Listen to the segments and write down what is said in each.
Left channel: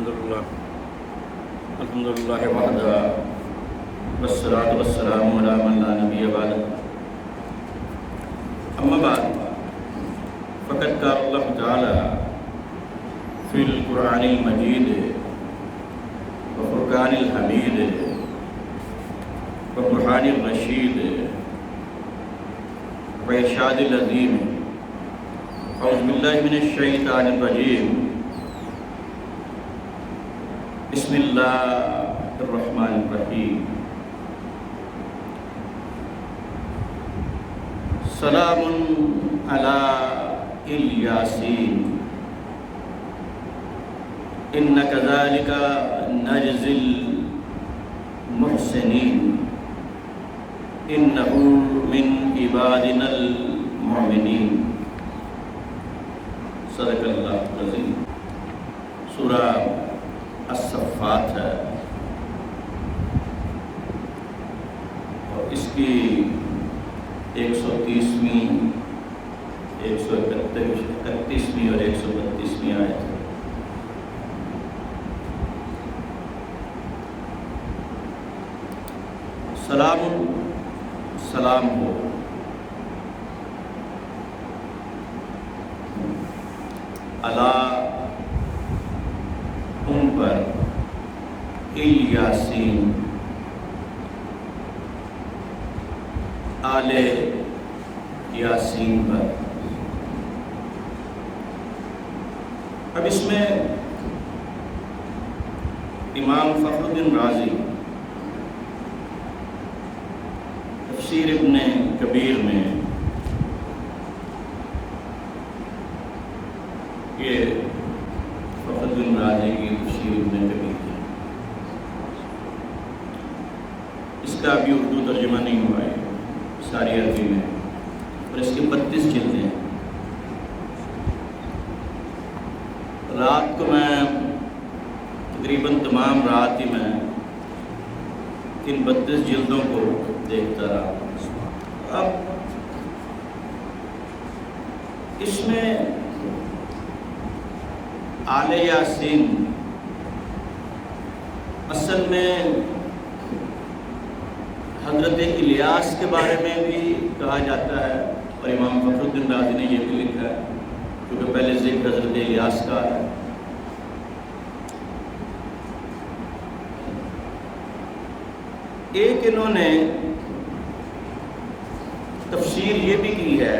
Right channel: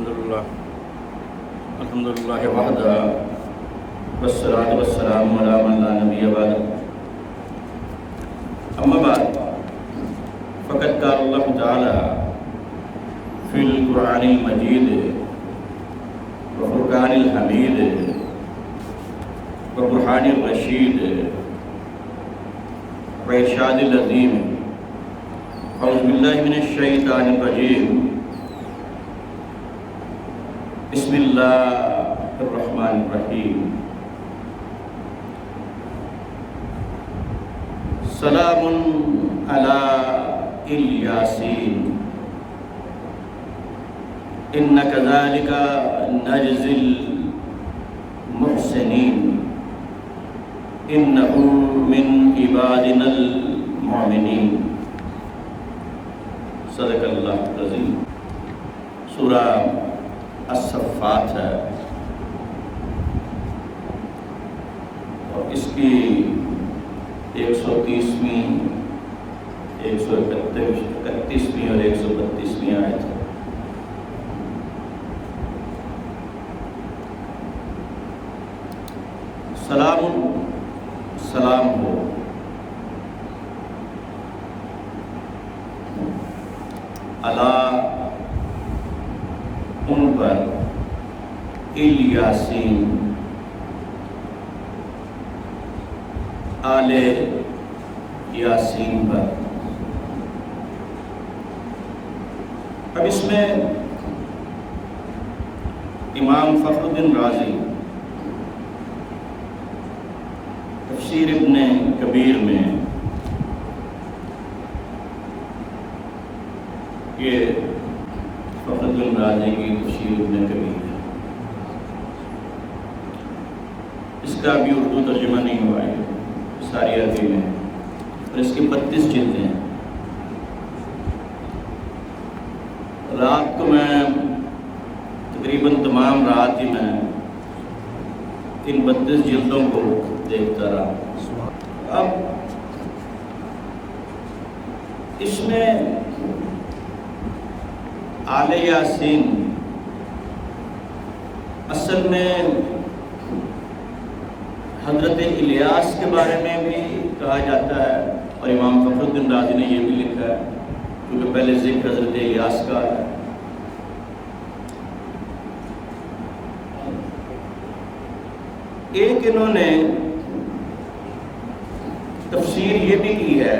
الحمد للہ وحدہ والصلاة والسلام علی من لا نبی بعد اما بعد فقد قال اللہ تعالی فی القرآن المجید وفرقان الحمید وبرہان الرشید وارشاد العظیم اعوذ باللہ من الشیطان الرجیم بسم اللہ الرحمن الرحیم سلام علی الیاسین ان کذالک نجزی المحسنین انہ من عبادنا المؤمنین صدق اللہ العظیم۔ سورہ الصفات ہے اور اس کی 130ویں 131ویں اور 132ویں آیت ہے۔ سلام سلام ہو علی ان پر الیاسین آل یاسین پر۔ اب اس میں امام فخر الدین رازی تفسیر ابن کبیر میں یہ فخر الدین رازی کی تفسیر ابن کبیر ہے، اس کا ابھی اردو ترجمہ نہیں ہوا ہے، ساری عربی میں ہے اور اس کے 32 جلدیں ہیں۔ رات کو میں تقریباً تمام رات ہی میں ان 32 جلدوں کو دیکھتا رہا۔ اب اس میں آل یاسین اصل میں حضرت الیاس کے بارے میں بھی کہا جاتا ہے اور امام فخر الدین رازی نے یہ بھی لکھا ہے کیونکہ پہلے ذکر حضرت الیاس کا ہے۔ ایک انہوں نے تفسیر یہ بھی کی ہے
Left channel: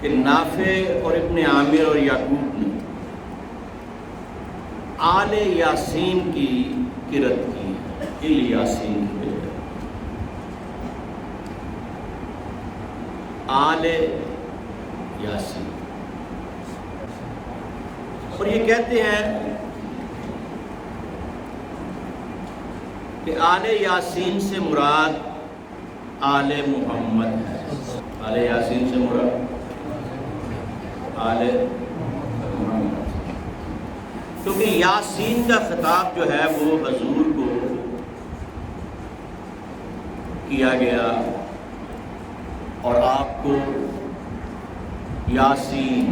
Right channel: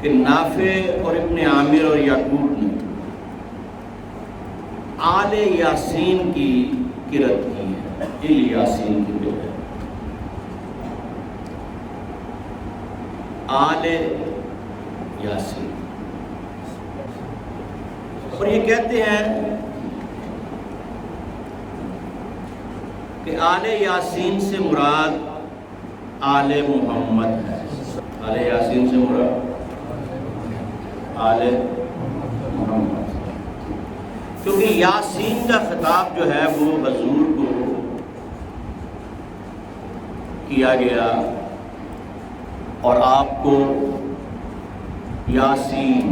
کہ نافع اور ابن عامر اور یعقوب نے آل یاسین کی قرأت کی ہے، الیاسین کی قرأت، آل یاسین، اور یہ کہتے ہیں کہ آل یاسین سے مراد آل محمد ہے۔ آل یاسین سے مراد آل محمد، کیونکہ یاسین کا خطاب جو ہے وہ حضور کو کیا گیا اور آپ کو یاسین،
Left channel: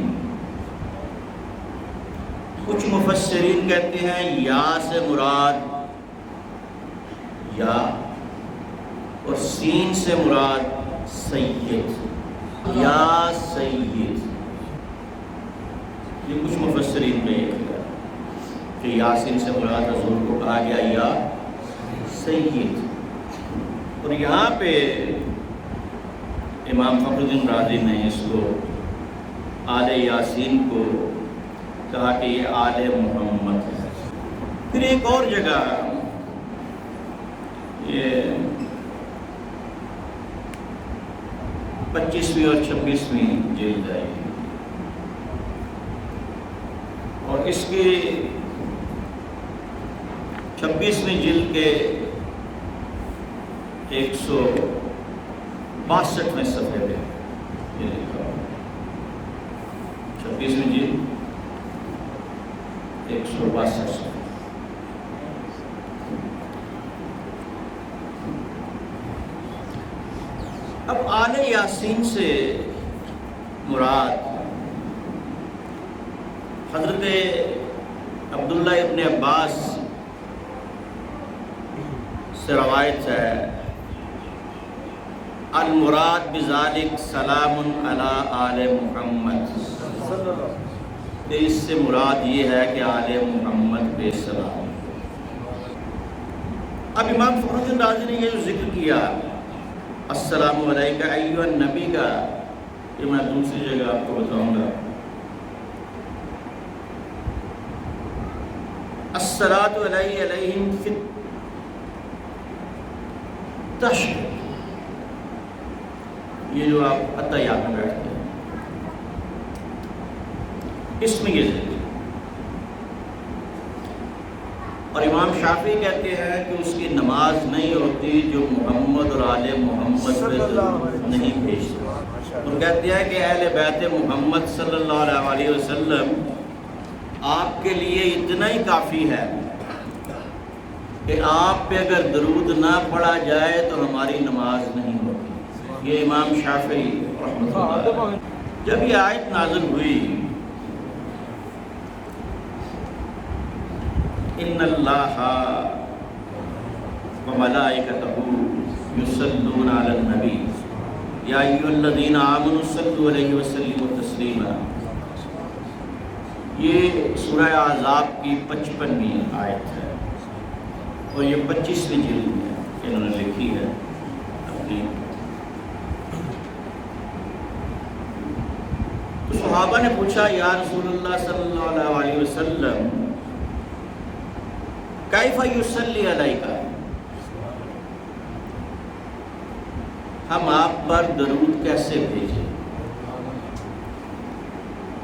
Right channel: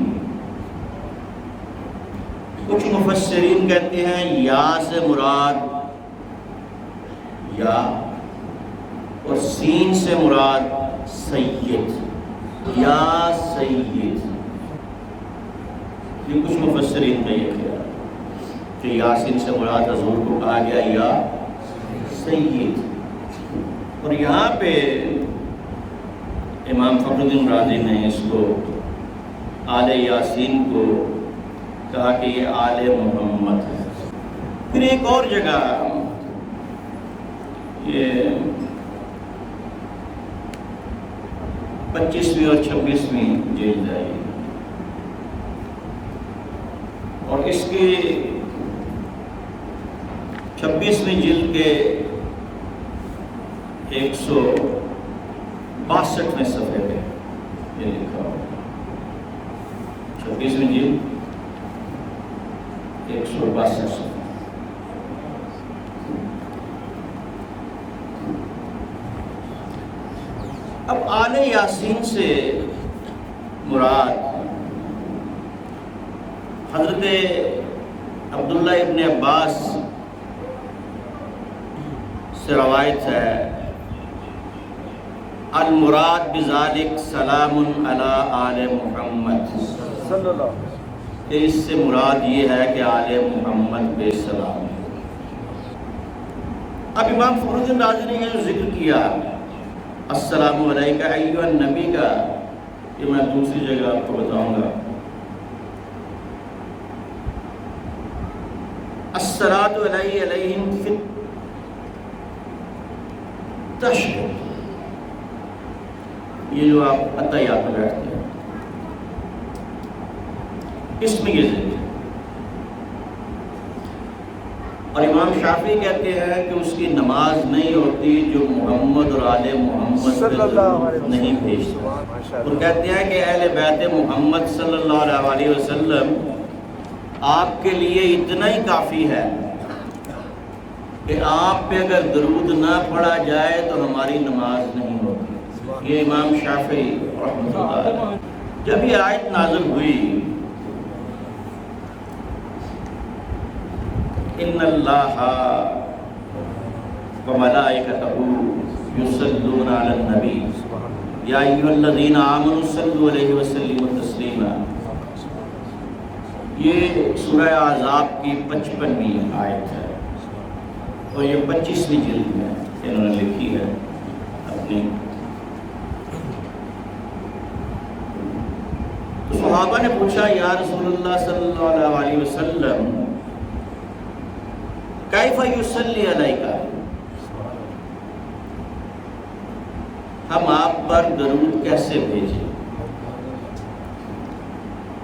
کچھ مفسرین کہتے ہیں یا سے مراد یا اور سین سے مراد سید، یا سید، یہ کچھ مفسرین کا یہ خیال کہ یاسین سے مراد حضور کو کہا گیا یا سید۔ اور یہاں پہ امام فخر الدین رازی نے اس کو آل یاسین کو کہا کہ یہ آل محمد ہے۔ پھر ایک اور جگہ یہ 25ویں اور 26ویں جلد ہے اور اس کی 26ویں جلد کے 162ویں صفحے پہ یہ لکھا ہوا، 26ویں جلد 162 صفحے۔ اب آل یاسین سے مراد حضرت عبداللہ ابن عباس سے روایت ہے المراد بذالک سلام علی آل محمد، کہ اس سے مراد یہ ہے کہ آل محمد پہ سلام۔ اب امام فخر الدین رازی نے یہ جو ذکر کیا السلام علیکہ ایھا النبی کا، یہ میں دوسری جگہ آپ کو بتاؤں گا۔ الصلاۃ علیہم فی التشہد، یہ جو آپ اتحیات میں بیٹھتے ہیں اس میں یہ ذکر ہے۔ اور امام شافعی کہتے ہیں کہ اس کی نماز نہیں ہوتی جو محمد اور آل محمد پہ درود نہیں بھیجتا، اور کہتے ہیں کہ اہل بیت محمد صلی اللہ علیہ وسلم آپ کے لیے اتنا ہی کافی ہے کہ آپ پہ اگر درود نہ پڑھا جائے تو ہماری نماز نہیں ہوتی۔ یہ امام شافعی رحمۃ اللہ علیہ۔ جب یہ آیت نازل ہوئی ان اللہ وملائکتہ یصلون علی النبی یا ایھا الذین آمنوا صلوا علیہ وسلموا تسلیما، یہ سورہ احزاب کی 55ویں آیت ہے اور یہ 25ویں جلد ہے انہوں نے لکھی ہے اپنی۔ تو صحابہ نے پوچھا یا رسول اللہ صلی اللہ علیہ وسلم کیف یصلی علیک، ہم آپ پر درود کیسے بھیجیں،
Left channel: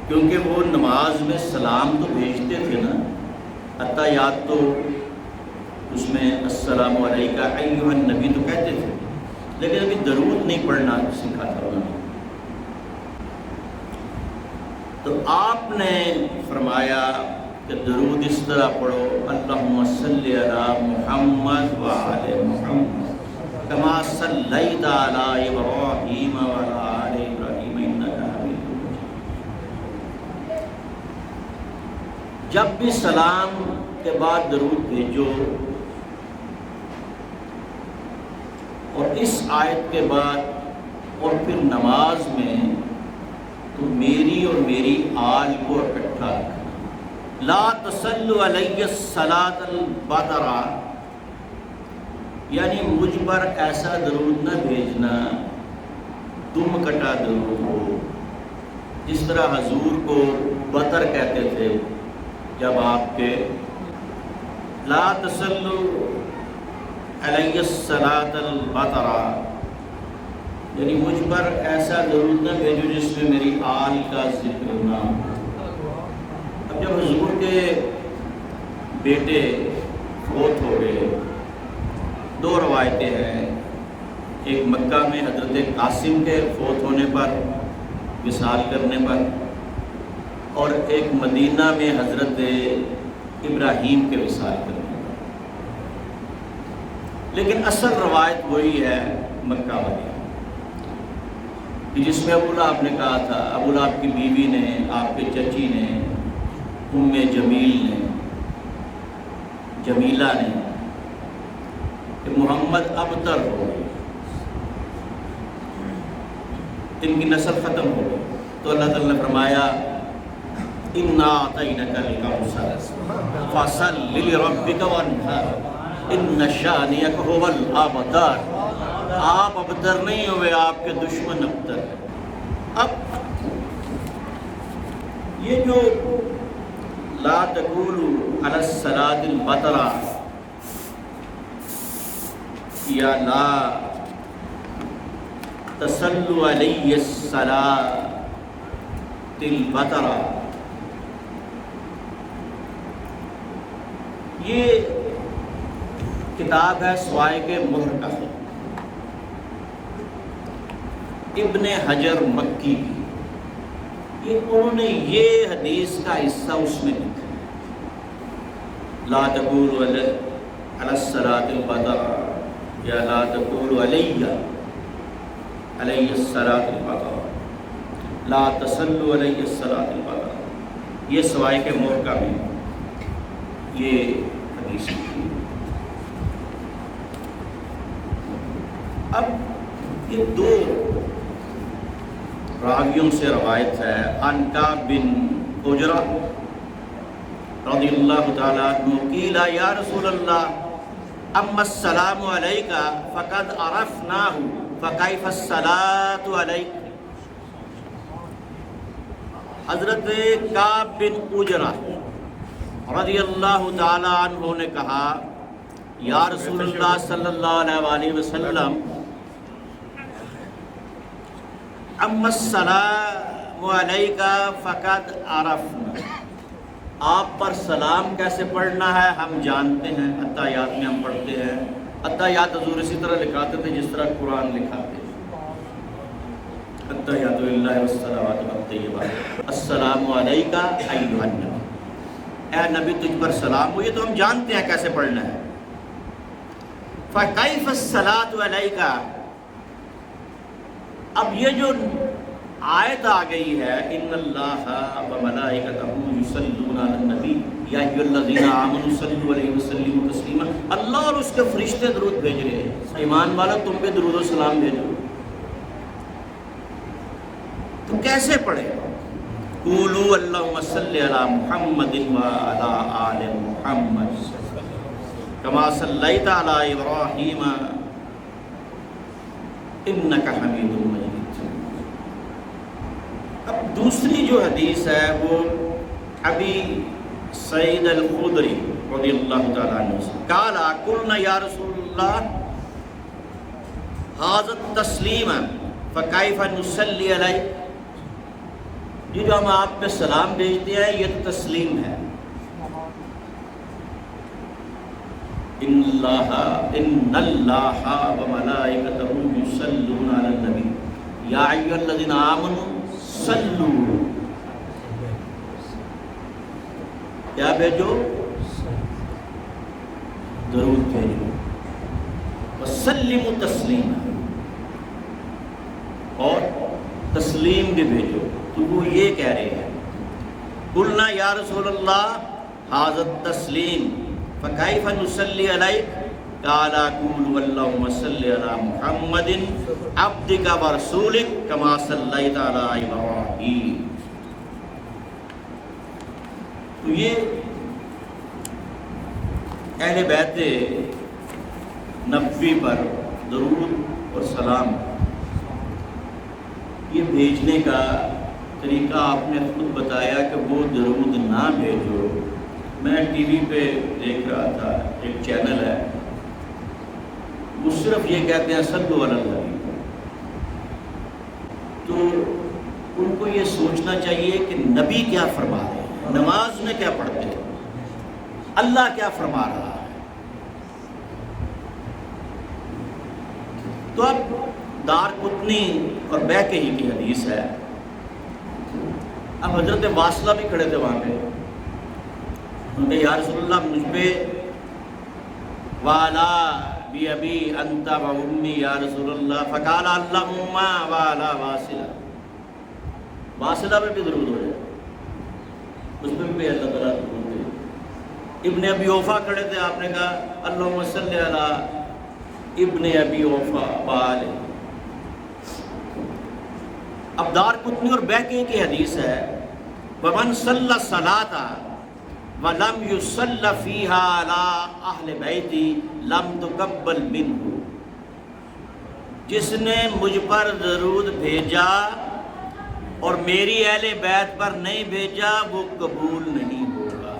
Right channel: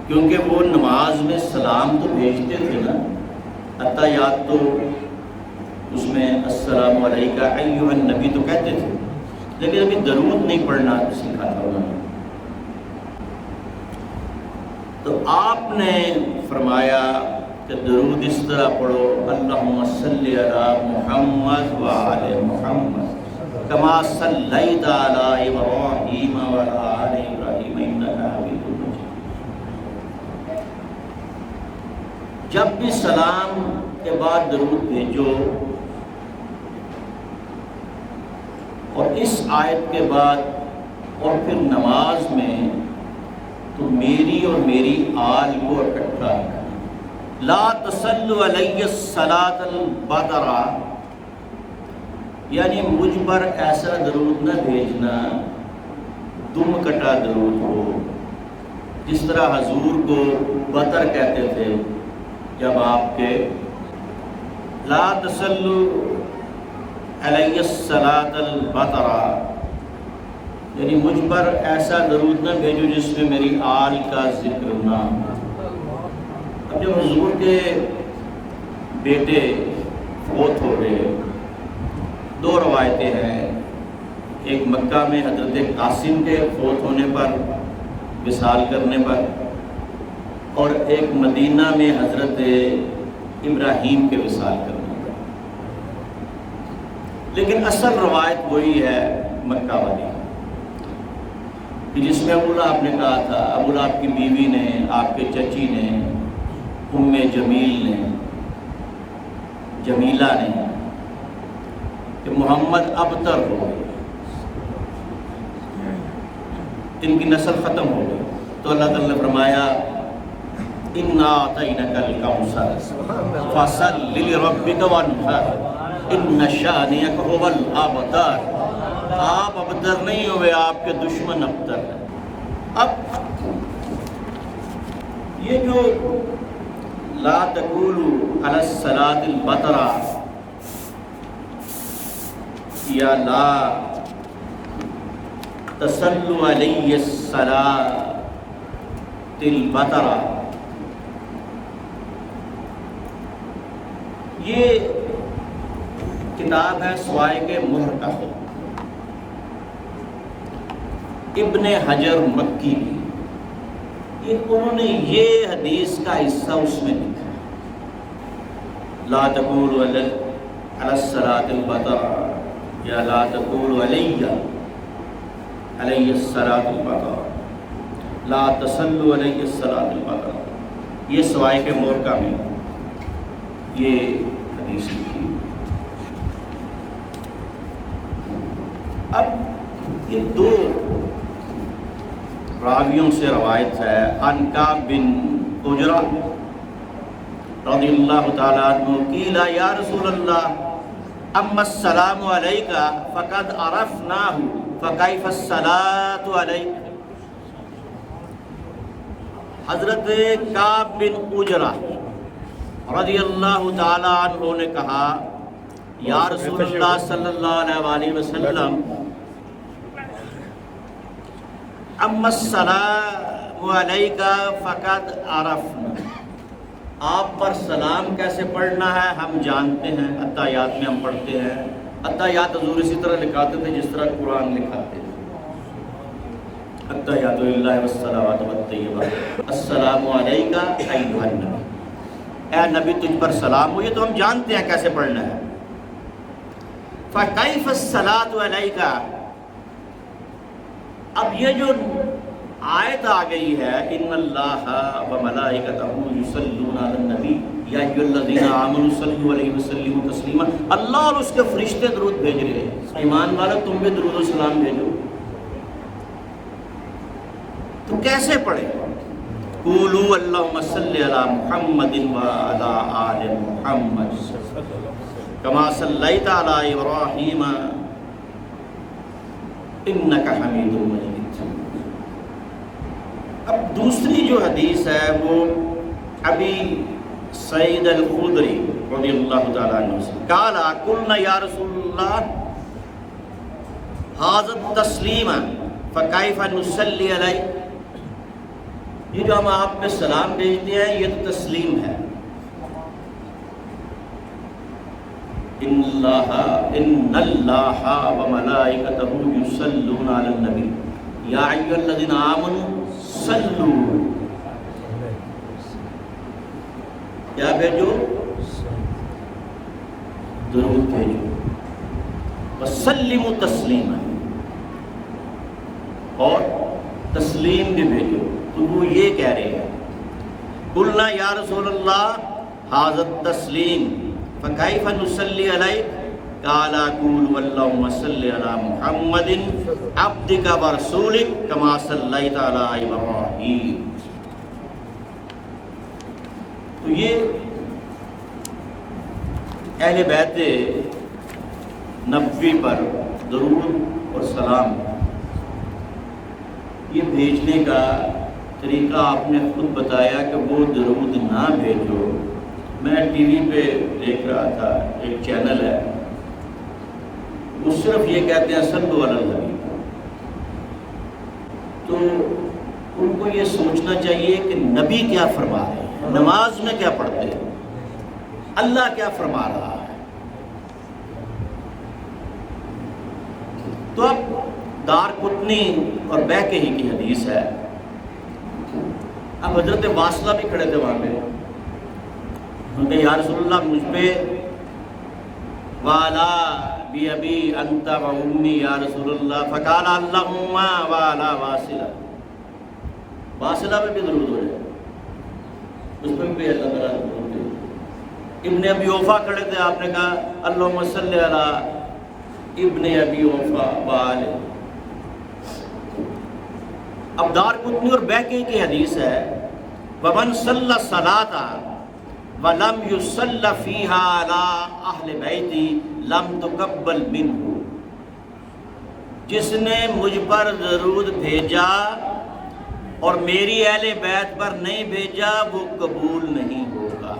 کیونکہ وہ نماز میں سلام تو بھیجتے تھے نا، اتحیات تو اس میں السلام علیکہ ایھا النبی تو کہتے تھے، لیکن ابھی درود نہیں پڑھنا سیکھا تھا انہوں نے۔ تو آپ نے فرمایا کہ درود اس طرح پڑھو اللہم صلی علی محمد وعلی محمد کما صلیت علی ابراہیم وعلی آل ابراہیم انک حمید مجید۔ جب بھی سلام کے بعد درود بھیجو اور اس آیت کے بعد اور پھر نماز میں تو میری اور میری آل کو اکٹھا رکھنا۔ لا تصلوا علی الصلاۃ البطرہ، یعنی مجھ پر ایسا درود نہ بھیجنا دم کٹا درود ہو، جس طرح حضور کو بطر کہتے تھے جب آپ کے لا تصلوا علی الصلاۃ البطرہ، یعنی مجھ پر ایسا درود نہ بھیجو جس میں میری آل کا ذکر نہ ہو۔ اب جب حضور کے بیٹے فوت ہو گئے، دو روایتیں ہیں، ایک مکہ میں حضرت قاسم کے فوت ہونے پر، وصال کرنے پر، اور ایک مدینہ میں حضرت ابراہیم کے وصال کرنے پر، لیکن اصل روایت وہی ہے مکہ والی، کہ جس میں ابو لہب نے کہا تھا، ابو لہب کی بیوی نے، آپ کے چچی نے، ام جمیل نے، جمیلہ نے، کہ محمد ابتر ہو گئے، ان کی نسل ختم ہو گئی، تو اللہ تعالیٰ نے فرمایا اِنَّا أَعْطَيْنَكَ الْكَوْثَرَ فَصَلِّ لِرَبِّكَ وَانْحَرْ إِنَّ شَانِئَكَ هُوَ الْأَبْتَرُ۔ آپ ابتر نہیں ہوئے، آپ کے دشمن ابتر ہیں۔ اب یہ جو لا تقولوا علی الصلاۃ البطرہ یا لا تصلوا علی الصلاۃ البطرہ، یہ کتاب ہے سوائق محرقہ، ابن حجر مکی کی، انہوں نے یہ حدیث کا حصہ اس میں لکھا ہے، لا تقولوا علی الصلاۃ البطرہ یا لا تقولوا علی الصلاۃ البطرہ، لا تصلوا علی الصلاۃ البطرہ۔ یہ سوائے کے مورکہ میں یہ حدیث لکھی۔ اب یہ دو راویوں سے روایت ہے، عن کعب بن عجرہ رضی اللہ تعالیٰ عنہ قیل یا رسول اللہ اما السلام علیک فقد عرفناہ فکیف الصلاۃ علیک۔ حضرت کعب بن عجرہ رضی اللہ تعالیٰ عنہ نے کہا یا رسول اللہ صلی اللہ علیہ وآلہ وسلم اما السلام علیک فقد عرفنا، آپ پر سلام کیسے پڑھنا ہے ہم جانتے ہیں، اتحیات میں ہم پڑھتے ہیں، اتحیات حضور اسی طرح لکھاتے تھے جس طرح قرآن لکھاتے ہیں، اتحیات للہ والصلوات والطیبات، السلام علیک ایھا النبی، اے نبی تجھ پر سلام ہو، یہ تو ہم جانتے ہیں کیسے پڑھنا ہے۔ فکیف الصلاۃ علیک، اب یہ جو آیت آ گئی ہے ان اللہ وملائکتہ یصلون علی النبی یا ایھا الذین آمنوا صلوا علیہ وسلموا تسلیما، اللہ اور اس کے فرشتے درود بھیج رہے ہیں، ایمان والو تم بھی درود و سلام بھیجو، تم کیسے پڑھیں؟ قولوا اللہم صلی علی محمد وعلی آل محمد کما صلیت علی ابراہیم انک حمید مجید۔ اب دوسری جو حدیث ہے وہ ابی سعید الخدری رضی اللہ تعالیٰ عنہ سے قال قلنا یا رسول اللہ ھذا التسلیم فکیف نصلی علیک، یہ جو ہم آپ پہ سلام بھیجتے ہیں یہ تو تسلیم ہے، ان اللہ وملائکتہ یصلون علی النبی یا ایھا الذین آمنوا صلو، کیا بھیجو؟ درود بھیجو، وسلموا تسلیما، اور تسلیم بھی بھیجو۔ تو وہ یہ کہہ رہے ہیں قلنا یا رسول اللہ ھذا التسلیم فکیف نصلی علیک قال قولوا اللہم صلی علی محمد عبدک ورسولک کما صلیت علی ابراہیم۔ تو یہ اہل بیت نبوی پر درود اور سلام یہ بھیجنے کا طریقہ آپ نے خود بتایا کہ وہ درود نہ بھیجو۔ میں ٹی وی پہ دیکھ رہا تھا، ایک چینل ہے وہ صرف یہ کہتے ہیں صلو علی النبی، تو ان کو یہ سوچنا چاہیے کہ نبی کیا فرما رہے ہیں، نماز میں کیا پڑھتے ہیں، اللہ کیا فرما رہا ہے۔ تو اب دارقطنی اور بیہقی کی حدیث ہے، اب حضرت واصلہ بھی کھڑے تھے وہاں پہ، ان کہ یا رسول اللہ مجھ پہ والا بی ابی انت و امی یا رسول اللہ، فقال اللہم والا واصلہ، واصلہ پہ بھی درود ہو جائے، اس پہ بھی اللہ تعالیٰ درود دے۔ ابن ابی اوفا کھڑے تھے، آپ نے کہا اللہم صلی علی ابن ابی اوفا وآلہ۔ اب دارقطنی اور بیہقی کی حدیث ہے ومن صلی الصلاۃ وَلَمْ يُصَلَّ فِيهَا عَلَىٰ أَهْلِ بَيْتِي لَمْ تُقَبَّلْ مِنْهُ، جس نے مجھ پر درود بھیجا اور میری اہل بیت پر نہیں بھیجا وہ قبول نہیں ہوگا،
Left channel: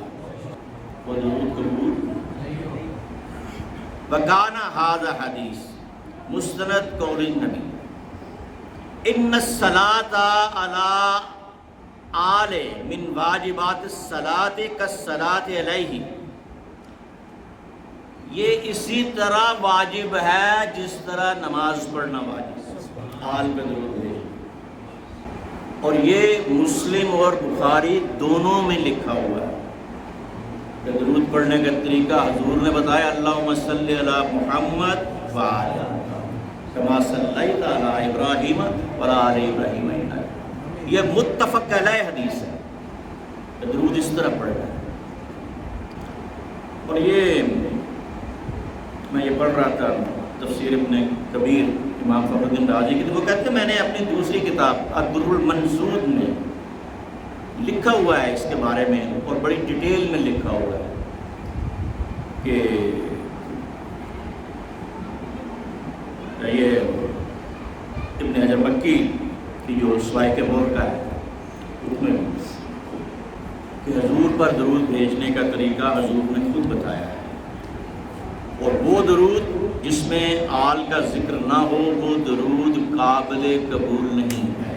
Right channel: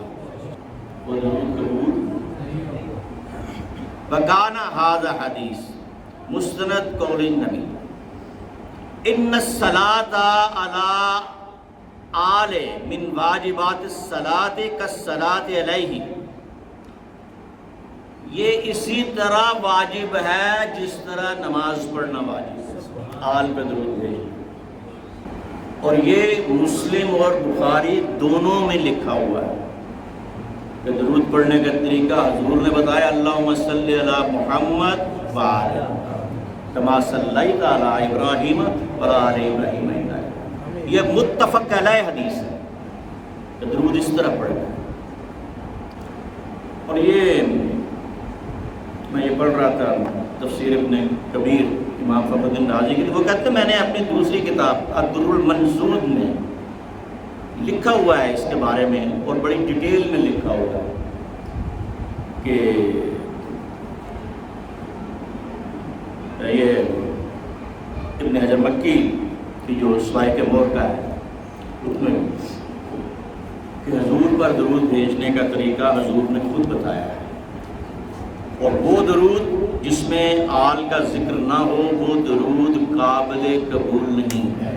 وہ درود قبول۔ وَكَانَ هَذَا حدیث مستند قول النبی ان الصلاۃ علی آل من واجبات الصلاۃ کالصلاۃ علیہ، یہ اسی طرح واجب ہے جس طرح نماز پڑھنا واجب ہے، آل پہ درود ہے، اور یہ مسلم اور بخاری دونوں میں لکھا ہوا ہے کہ درود پڑھنے کا طریقہ حضور نے بتایا اللہم صلی علی محمد وعلی کما صلیت علی ابراہیم وعلی آل ابراہیم انک، یہ متفق علیہ حدیث ہے۔ کہ درود اس طرح پڑھنا ہے. اور یہ میں یہ پڑھ رہا تھا تفسیر ابن کبیر امام فخر الدین رازی کی، وہ کہتے ہیں میں نے اپنی دوسری کتاب الدر المنضود میں لکھا ہوا ہے اس کے بارے میں، اور بڑی ڈیٹیل میں لکھا ہوا ہے کہ یہ ابن حجر مکی کی جو سوائق مور کا ہے اس میں کہ حضور پر درود بھیجنے کا طریقہ حضور نے خود بتایا ہے، اور وہ درود جس میں آل کا ذکر نہ ہو وہ درود قابل قبول نہیں ہے.